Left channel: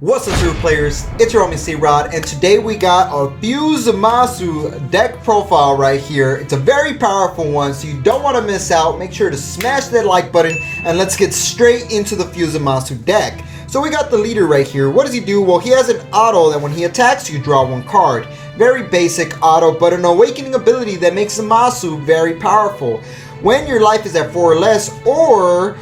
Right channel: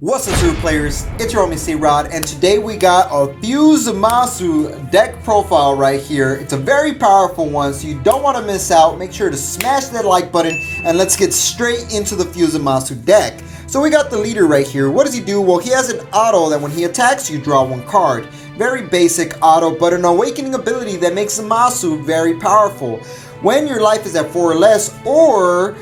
What's up, super players? It's your homie C-Rod, and today we got a few ZAMASU deck profile right here. It's a very powerful one, so you don't want to miss out. Make sure to smash that like button, and let's get straight into the few ZAMASU deck. So we got the leader right here. What does he do? Well, he has an auto that when he attacks, you draw one card. Very basic auto, but an awakening ability that makes ZAMASU very powerful. When your life is at 4 or less, or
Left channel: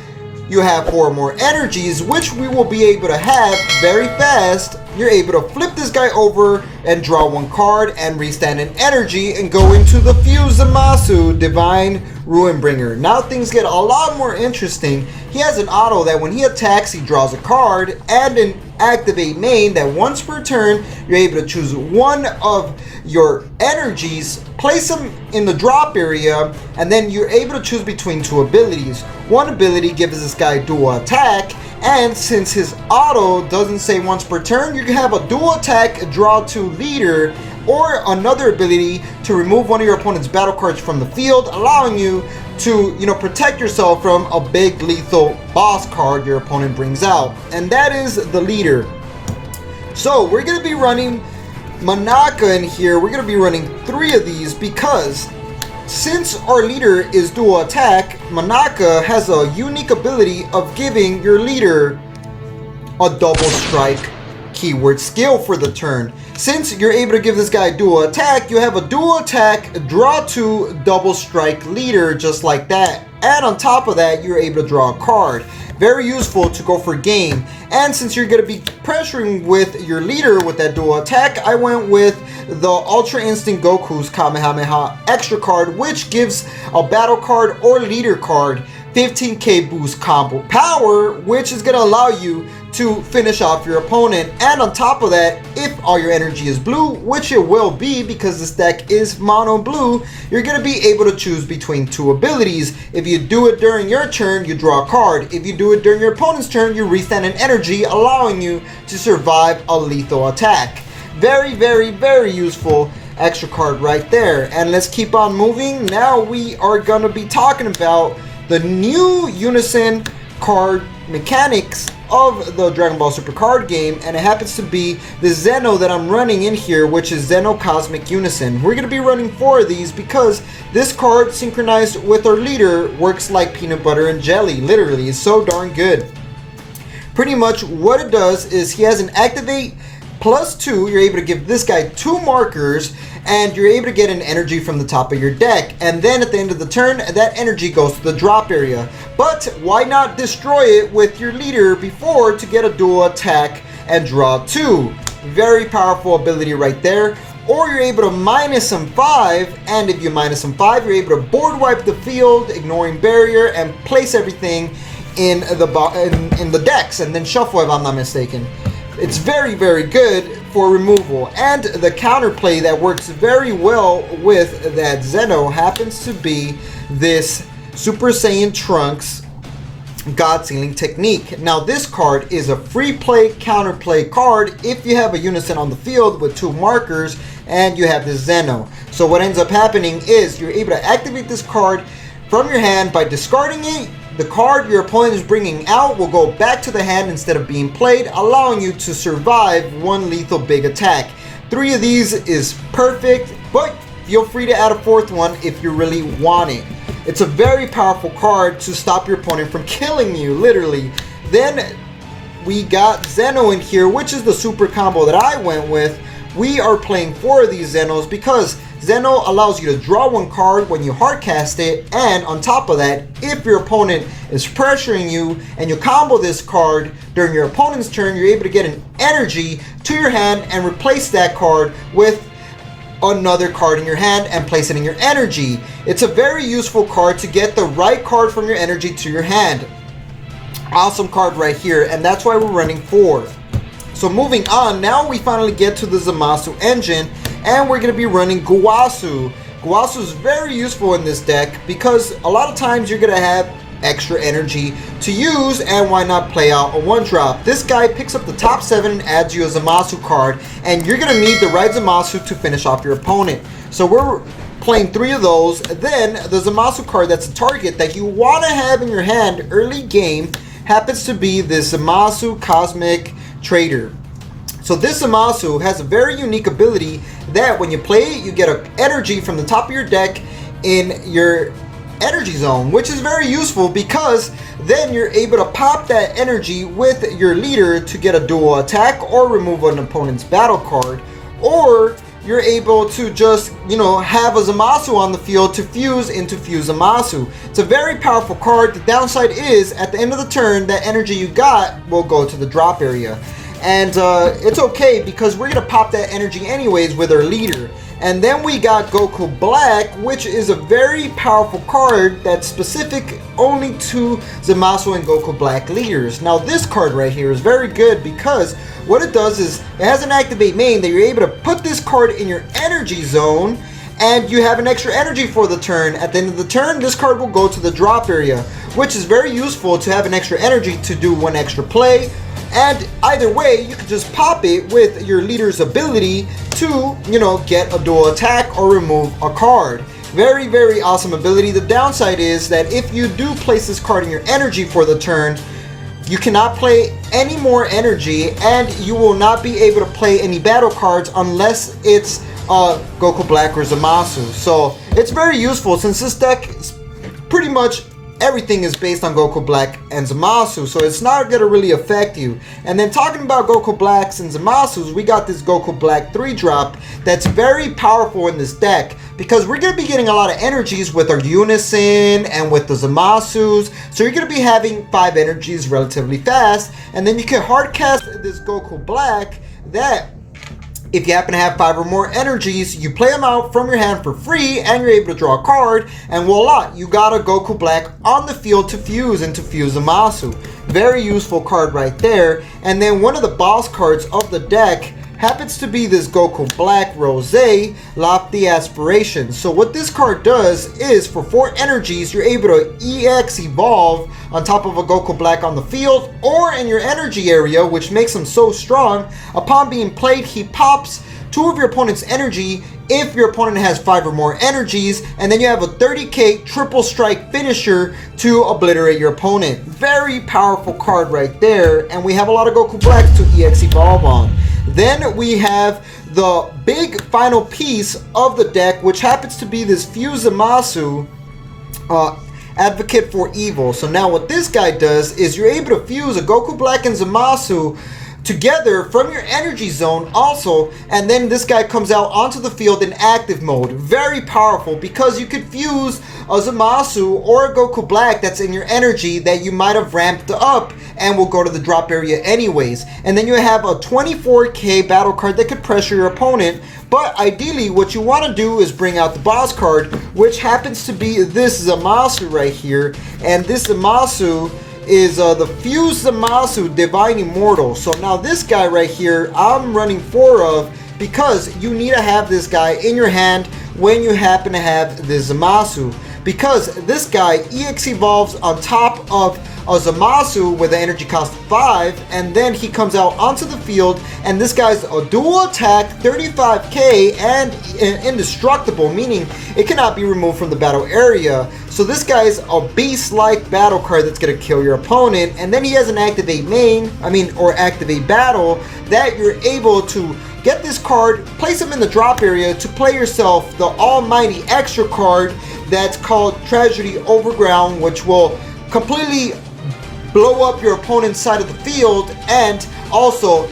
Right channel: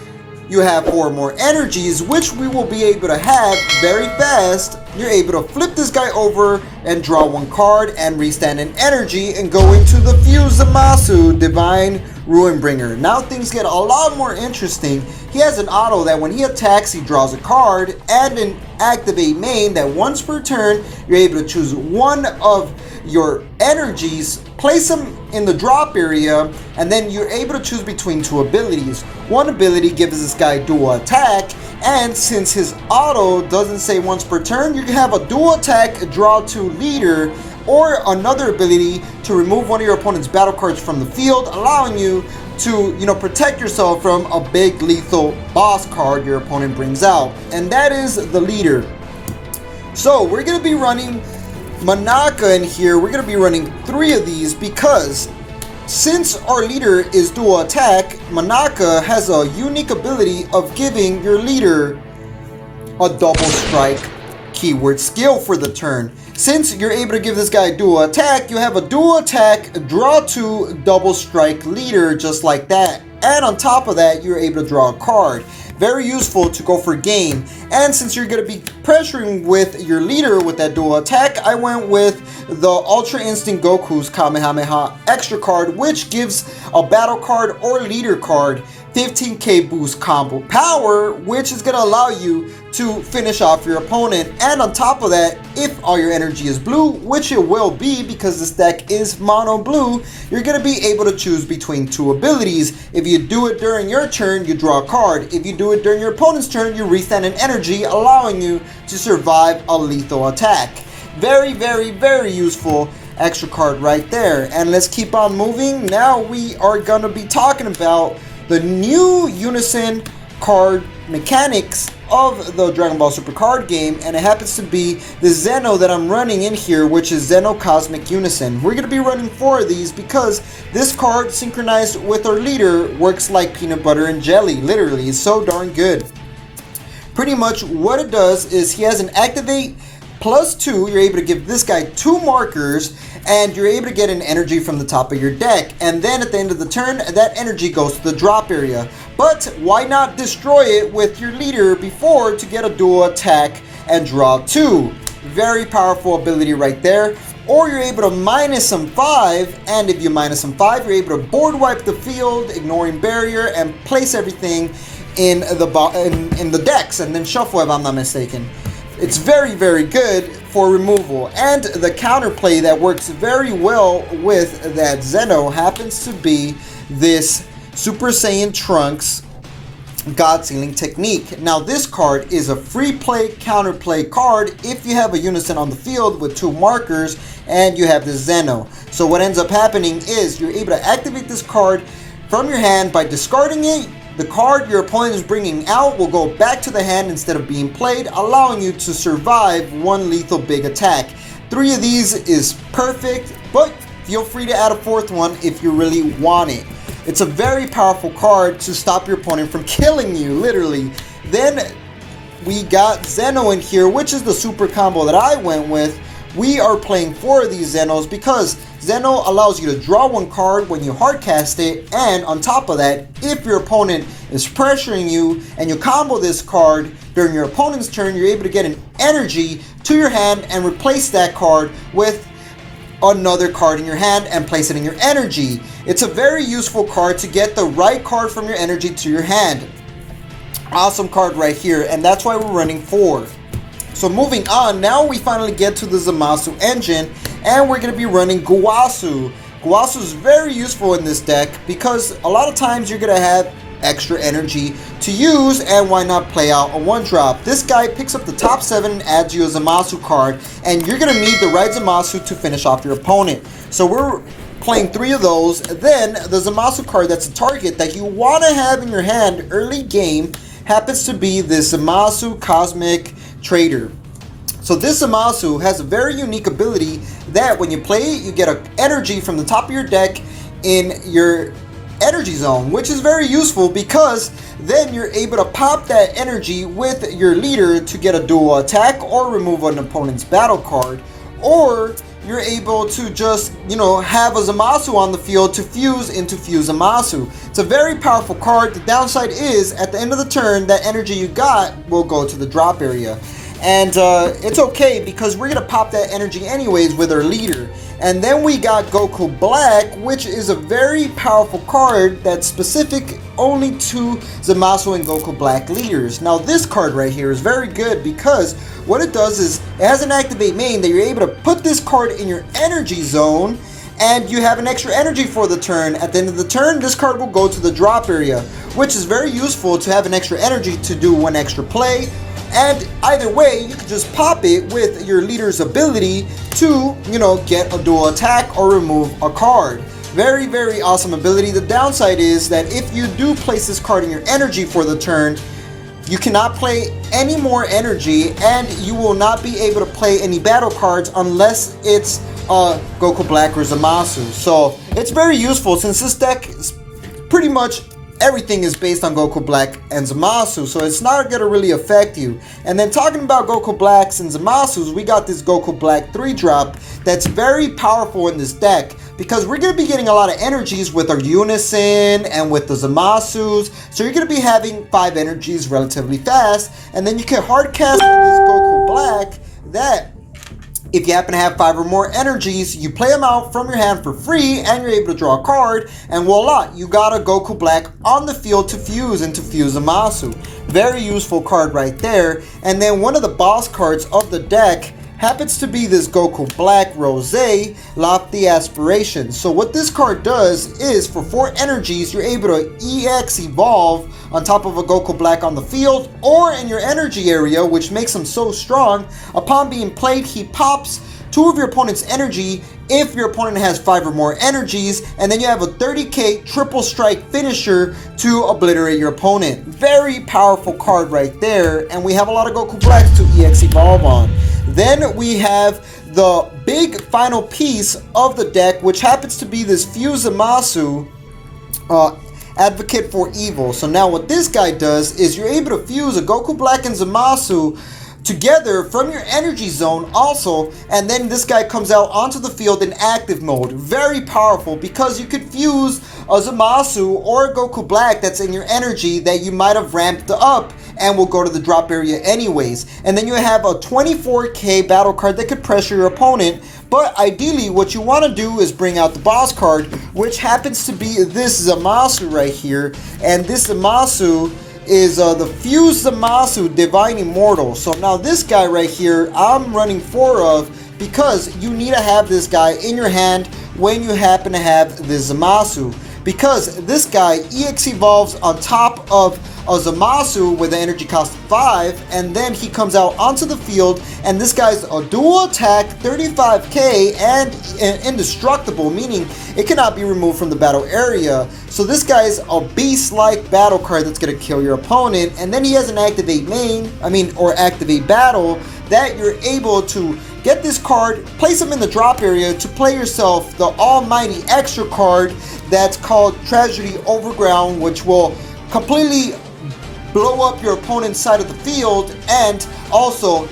you have 4 or more energies, which we will be able to have very fast, you're able to flip this guy over and draw one card and restand an energy and go into the Fuse ZAMASU Divine Ruinbringer. Now things get a lot more interesting. He has an auto that when he attacks, he draws a card, and an activate main that once per turn, you're able to choose one of your energies, place them in the drop area, and then you're able to choose between 2 abilities. One ability gives this guy dual attack, and since his auto doesn't say once per turn, you can have a dual attack, draw 2 leader, or another ability to remove one of your opponent's battle cards from the field, allowing you to, protect yourself from a big lethal boss card your opponent brings out. And that is the leader. So we're going to be running Manaka in here. We're going to be running 3 of these because since our leader is dual attack, Manaka has a unique ability of giving your leader a double strike keyword skill for the turn. Since you're able to give this guy dual attack, you have a dual attack, draw 2, double strike leader, just like that. And on top of that, you're able to draw a card. Very useful to go for game. And since you're going to be pressuring with your leader with that dual attack, I went with the Ultra Instinct Goku's Kamehameha extra card, which gives a battle card or leader card 15k boost combo power, which is going to allow you to finish off your opponent. And on top of that, if all your energy is blue, which it will be because this deck is mono blue, you're going to be able to choose between 2 abilities. If you do it during your turn, you draw a card. If you do it during your opponent's turn, you restand an energy, allowing you to survive a lethal attack. Very, very, very useful extra card right there. And let's keep on moving. Now we are going to be talking about the new Unison card mechanics of the Dragon Ball Super card game, and it happens to be the Zeno that I'm running in here, which is Zeno Cosmic Unison. We're going to be running 4 of these because this card synchronized with our leader works like peanut butter and jelly. Literally, it's so darn good. Pretty much what it does is he has an activate +2. You're able to give this guy 2 markers, and you're able to get an energy from the top of your deck. And then at the end of the turn, that energy goes to the drop area. But why not destroy it with your leader before to get a dual attack and draw 2? Very powerful ability right there. Or you're able to minus some 5, and if you minus some 5, you're able to board wipe the field, ignoring barrier, and place everything in the decks, and then shuffle if I'm not mistaken. It's very, very good for removal. And the counterplay that works very well with that Zeno happens to be this Super Saiyan Trunks God Sealing Technique. Now this card is a free play counterplay card if you have a Unison on the field with 2 markers and you have the Zeno. So what ends up happening is you're able to activate this card from your hand by discarding it. The card your opponent is bringing out will go back to the hand instead of being played, allowing you to survive 1 lethal big attack. 3 of these is perfect, but feel free to add a 4th one if you really want it. It's a very powerful card to stop your opponent from killing you, literally. Then we got Zeno in here, which is the super combo that I went with. We are playing 4 of these Zenos because Zeno allows you to draw 1 card when you hardcast it, and on top of that, if your opponent is pressuring you and you combo this card during your opponent's turn, you're able to get an energy to your hand and replace that card with another card in your hand and place it in your energy. It's a very useful card to get the right card from your energy to your hand. Awesome card right here, and that's why we're running 4. So moving on, now we finally get to the ZAMASU engine, and we're going to be running Guasu. Guasu is very useful in this deck because a lot of times you're going to have extra energy to use, and why not play out a 1-drop. This guy picks up the top 7 and adds you a ZAMASU card, and you're going to need the right ZAMASU to finish off your opponent. So we're playing 3 of those. Then the ZAMASU card that's a target that you want to have in your hand early game happens to be the ZAMASU Cosmic Trader. So this ZAMASU has a very unique ability that when you play it, you get an energy from the top of your deck in your energy zone, which is very useful because then you're able to pop that energy with your leader to get a dual attack or remove an opponent's battle card, or you're able to just, have a ZAMASU on the field to fuse into Fuse ZAMASU. It's a very powerful card. The downside is at the end of the turn, that energy you got will go to the drop area. And it's okay because we're going to pop that energy anyways with our leader. And then we got Goku Black, which is a very powerful card that's specific only to ZAMASU and Goku Black leaders. Now this card right here is very good because what it does is it has an activate main that you're able to put this card in your energy zone and you have an extra energy for the turn. At the end of the turn, this card will go to the drop area, which is very useful to have an extra energy to do one extra play. And either way, you can just pop it with your leader's ability to, get a dual attack or remove a card. Very, very awesome ability. The downside is that if you do place this card in your energy for the turn, you cannot play any more energy and you will not be able to play any battle cards unless it's Goku Black or ZAMASU. So it's very useful since this deck is pretty much everything is based on Goku Black and ZAMASU, so it's not going to really affect you. And then talking about Goku Blacks and ZAMASUs, we got this Goku Black 3-drop that's very powerful in this deck because we're going to be getting a lot of energies with our Unison and with the ZAMASUs, so you're going to be having 5 energies relatively fast, and then you can hard cast this Goku Black that if you happen to have 5 or more energies, you play them out from your hand for free and you're able to draw a card, and voila, you got a Goku Black on the field to fuse into Fuse ZAMASU. Very useful card right there. And then one of the boss cards of the deck happens to be this Goku Black Rose Lofty Aspiration. So what this card does is for 4 energies, you're able to EX evolve on top of a Goku Black on the field or in your energy area, which makes him so strong. Upon being played, he pops 2 of your opponent's energy if your opponent has 5 or more energies, and then you have a 30k triple strike finisher to obliterate your opponent. Very powerful card right there, and we have a lot of Goku Blacks to EX evolve on. Then we have the big final piece of the deck, which happens to be this Fuse ZAMASU, Advocate for Evil. So now what this guy does is you're able to fuse a Goku Black and ZAMASU together from your energy zone also, and then this guy comes out onto the field in active mode. Very powerful because you could fuse a ZAMASU or a Goku Black that's in your energy that you might have ramped up and will go to the drop area anyways. And then you have a 24k battle card that could pressure your opponent, but ideally what you want to do is bring out the boss card, which happens to be this ZAMASU right here. And this ZAMASU is the Fuse ZAMASU Divine Immortal. So now this guy right here I'm running 4 of because you need to have this guy in your hand when you happen to have this ZAMASU, because this guy EX evolves on top of a ZAMASU with an energy cost of 5, and then he comes out onto the field, and this guy's a dual attack, 35k, and indestructible, meaning it cannot be removed from the battle area. So this guy's a beast-like battle card that's going to kill your opponent, and then he has an activate main, or activate battle, that you're able to get this card, place him in the drop area to play yourself the almighty extra card that's called Tragedy Overground, which will completely blow up your opponent's side of the field and also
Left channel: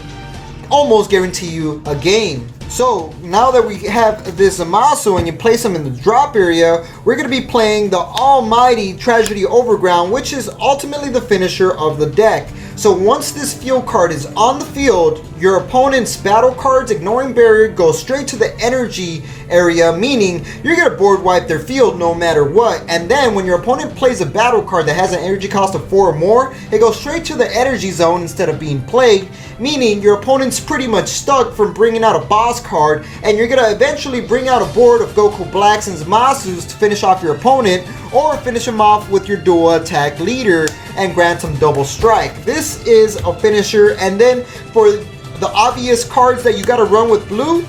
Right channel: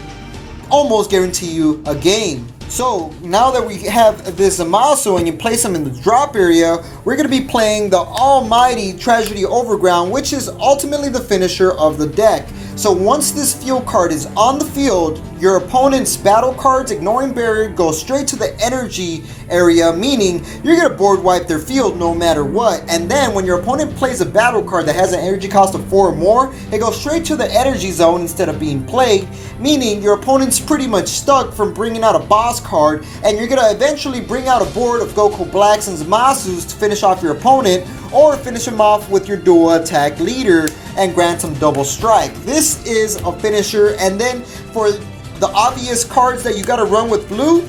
almost guarantee you a game. So now that we have this ZAMASU and you place him in the drop area, we're going to be playing the almighty Tragedy Overground, which is ultimately the finisher of the deck. So once this field card is on the field, your opponent's battle cards, ignoring barrier, go straight to the energy area, meaning you're going to board wipe their field no matter what. And then when your opponent plays a battle card that has an energy cost of 4 or more, it goes straight to the energy zone instead of being played, meaning your opponent's pretty much stuck from bringing out a boss card, and you're going to eventually bring out a board of Goku Blacks and ZAMASUs to finish off your opponent, or finish him off with your dual attack leader and grant him double strike. This is a finisher. And then for the obvious cards that you got to run with blue,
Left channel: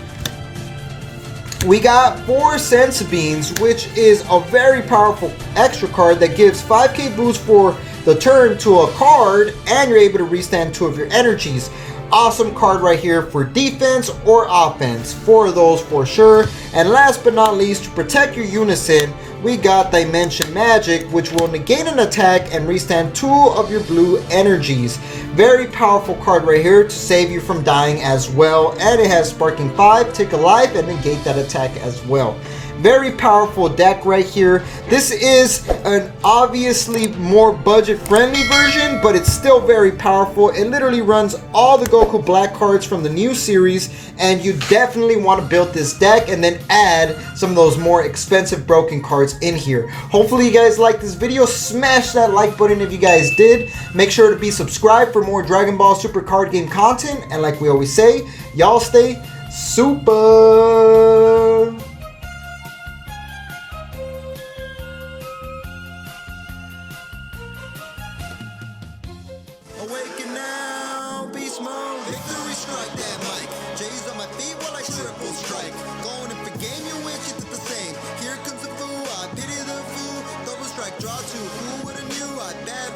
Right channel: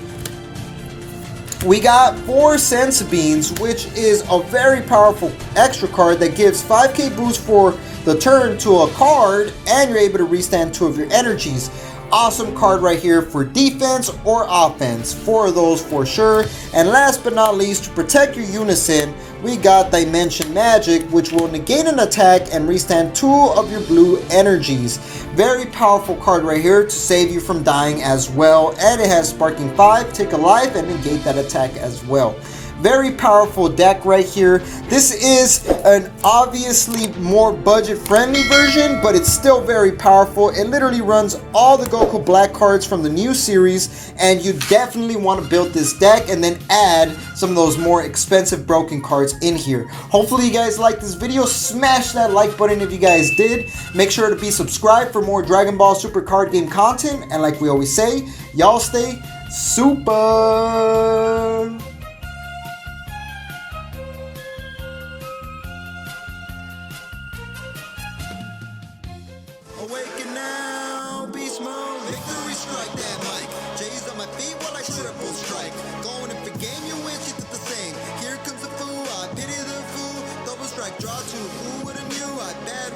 we got 4 Sense Beans, which is a very powerful extra card that gives 5k boost for the turn to a card, and you're able to restand 2 of your energies. awesome card right here for defense or offense, 4 of those for sure. And last but not least, to protect your unison, we got Dimension Magic, which will negate an attack and restand 2 of your blue energies. Very powerful card right here to save you from dying as well. And it has Sparking 5, take a life, and negate that attack as well. Very powerful deck right here. This is an obviously more budget friendly version, but it's still very powerful. It literally runs all the Goku Black cards from the new series, and you definitely want to build this deck and then add some of those more expensive broken cards in here. Hopefully you guys liked this video. Smash that like button if you guys did. Make sure to be subscribed for more Dragon Ball Super card game content, and like we always say, y'all stay super. Awaken now, beast mode. Victory strike that mic. J's on my feet while I triple strike. Going in for game, you wish you did the same. Here comes the fool, I pity the fool. Double strike, draw 2. Who would've knew? I bet.